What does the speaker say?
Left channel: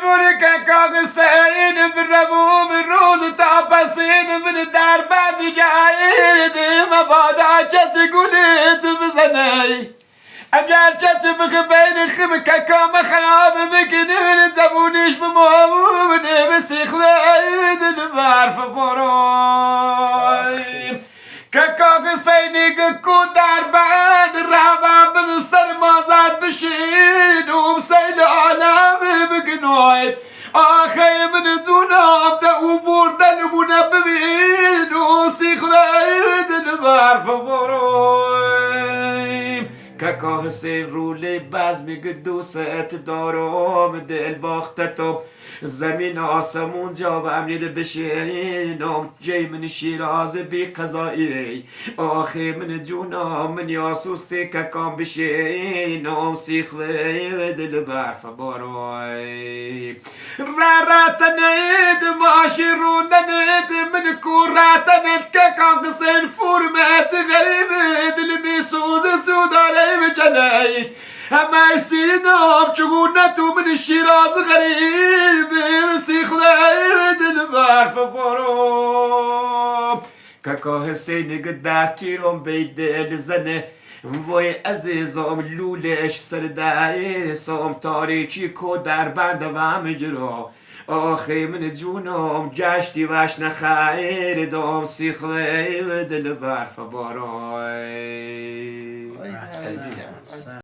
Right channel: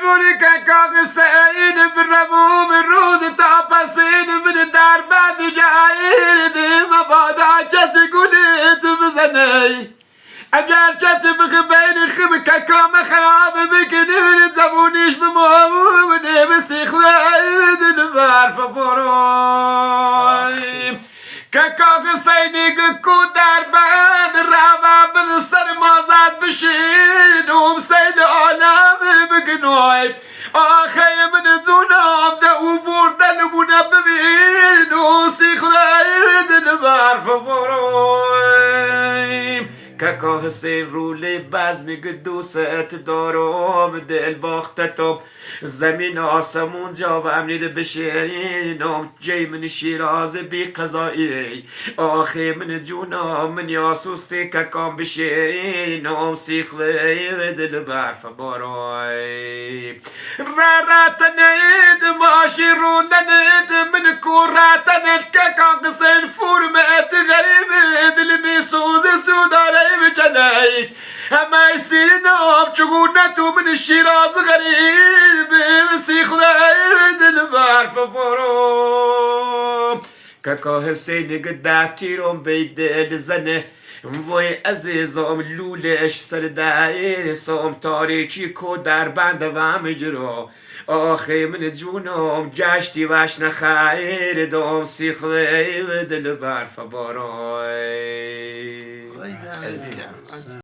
بلبلی که کاغ سعید برمو من روز تا پسین من در بند جایین دیم بادا کسی گونیت بزنی اگر کسی بخبین خم که کام خراب بکنی من زبونیش بمونه بسیخله دل برف برویم که کاغ سینی کو در بند روم بل سر مازد بشینم سیل عالم بگنوی آخه من دونم ده او بردنمونه ببینم سیخله دل برف برویم که کاه سین رولی بزمی دوست دارم دل باختتم زمین آسمون جا و امنید بشینم جای من شیراز بی قضایی آخی من جونم من یاسوستی که کام بشینم سیخلی دل برف باروی راتنید ماشی روندنید من کوراتنید که کام قصین فرمت غریب دل میسوز سوداره بچنید همه سینم چگونه تو من شیراز غریبی مسیخله دل برف بروم که که حسینی قد تیرم بید دل زنه وای عزیزم لولش سر دایر سام تاریکی کو در بند و مجرا آخی من جونم جشتی وش نخیر دوم سیخله دل برف بروم